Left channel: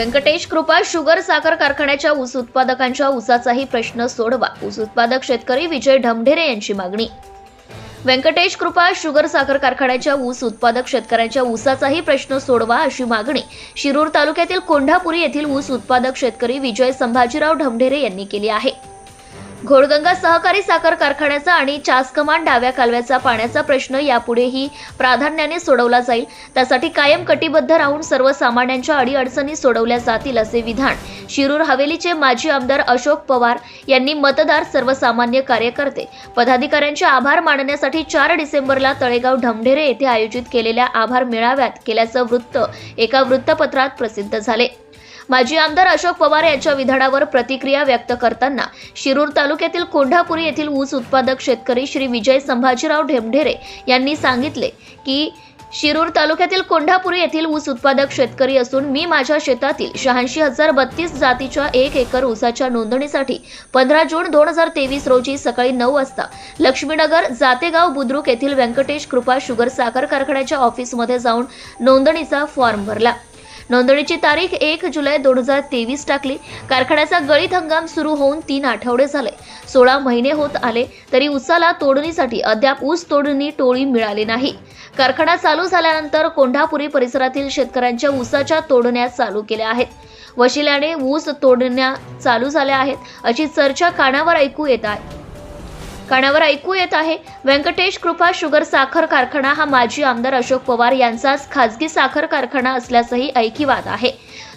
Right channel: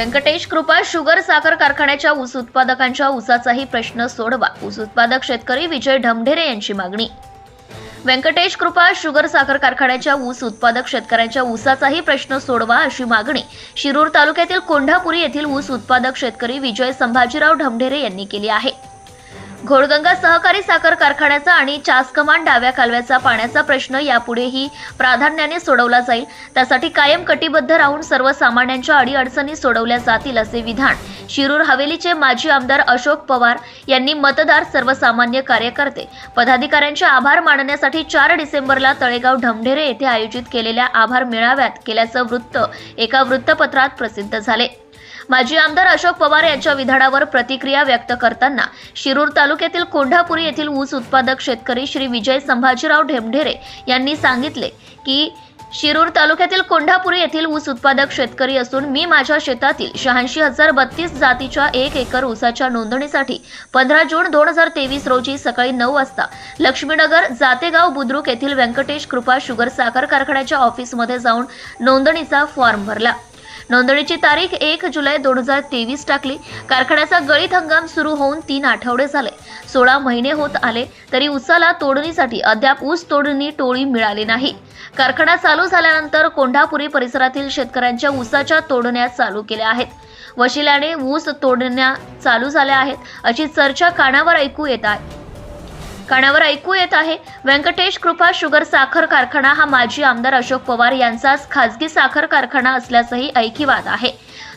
व्यंकटेश कृपा शुगर साखर कारखान्याच्या ऊस उत्पादकांच्या ऊसाचाही प्रश्न सोडवा. ऊस उत्पादक शेतकरी विजय ढमढेरे यांची मागणी. व्यंकटेश कृपा शुगर साखर कारखान्याच्या ऊस उत्पादक शेतकऱ्यांच्या ऊसाचाही प्रश्न सोडवा अशी मागणी शिरूर तालुक्यातील कोंढापुरी येथील ऊस उत्पादक शेतकरी विजय संभाजीराव ढमढेरे यांनी केली आहे. घोडगंगा सहकारी साखर कारखान्याचा आणि चासकमान डाव्या कालव्याचा पाण्याचा प्रश्न यापुढेही प्राधान्याने सोडवला जाईल. त्यासाठी कायम कटिबद्ध राहून सर्वसामान्यांच्या अडीअडचणी सोडवल्या जातील असे विधान शिरूर हवेलीचे माजी आमदार अशोक पवार यांनी मतदार सर्वसामान्य कार्यकर्ते. पदाधिकाऱ्यांचे आभार मानण्यासाठी चार डिसेंबरला तळेगाव ढमढेरे येथे आयोजित केलेल्या आभार मेळाव्यात केल्याचं वृत्त एका वृत्तपत्रात प्रसिद्ध झाले. माजी आमदार अशोक पवार यांच्या विधानावर प्रतिक्रिया व्यक्त करताना शिरूर तालुक्यातील कोंढापुरी येथील ऊस उत्पादक शेतकरी श्री विजय संभाजीराव ढेमढेरे यांनी सांगितले की शिरूर तालुक्यातील कोंढापुरी येथील ऊस उत्पादक शेतकरी असून मी माझ्या शेतातील शहाऐंशी हजार बत्तीस जातीच्या एक एकर ऊसाच्या नोंदणीसाठी पंधरा जून दोन हजार तेवीस रोजी सकाळी नऊ वाजता लक्ष्मीनगर जातेगाव बुद्रुक येथील व्यंकटेश कृपा शुगर साखर कारखान्याच्या ऑफिसमध्ये जाऊन नोंदणीचा फॉर्म भरला. नोंदणीची तारीख एक जुलै दोन हजार तेवीस टाकली. कारखान्याचा गळीत हंगाम सुरू होऊन तीन आठवडे झाले. सोळा महिने होत आले तरी उसाला तोडणीसाठी अद्याप ऊस तोडणी टोळी मिळाली नाही. कारखाना चालू झाल्यानंतर कोंढापुरी परिसरातील शेतकऱ्यांच्या ऊसाच्या तोडण्या चालू केल्या आहेत. वशिल्याने ऊस तोडण्या चालू झाल्या आहेत अशी चर्चा कानावर ऐकू येत आहे. कानावर ऐकू येत आहे. व्यंकटेश कृपा शुगर साखर कारखाना हा माजी आमदार अशोक पवार यांचाच खासगी साखर कारखाना असल्याचंही ऐकिवाद आहे.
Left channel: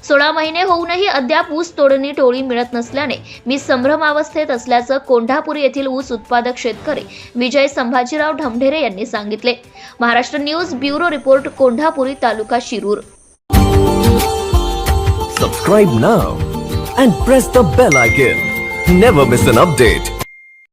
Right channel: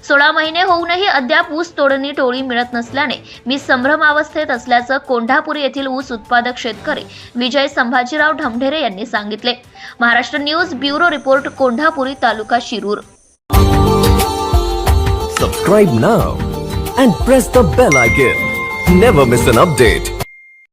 सोळा महिने होऊनही अद्याप ऊस तोडणी टोळी मिळत नसल्याने मी संभ्रमावस्थेत असल्याचं कोंढापुरी येथील ऊस उत्पादक शेतकरी विजय संभाजीराव ढमढेरे यांनी सांगितले. Maharashtra news bureau report Kondhapuri taluka Shirur. Subscribe now and press the bell icon never miss an update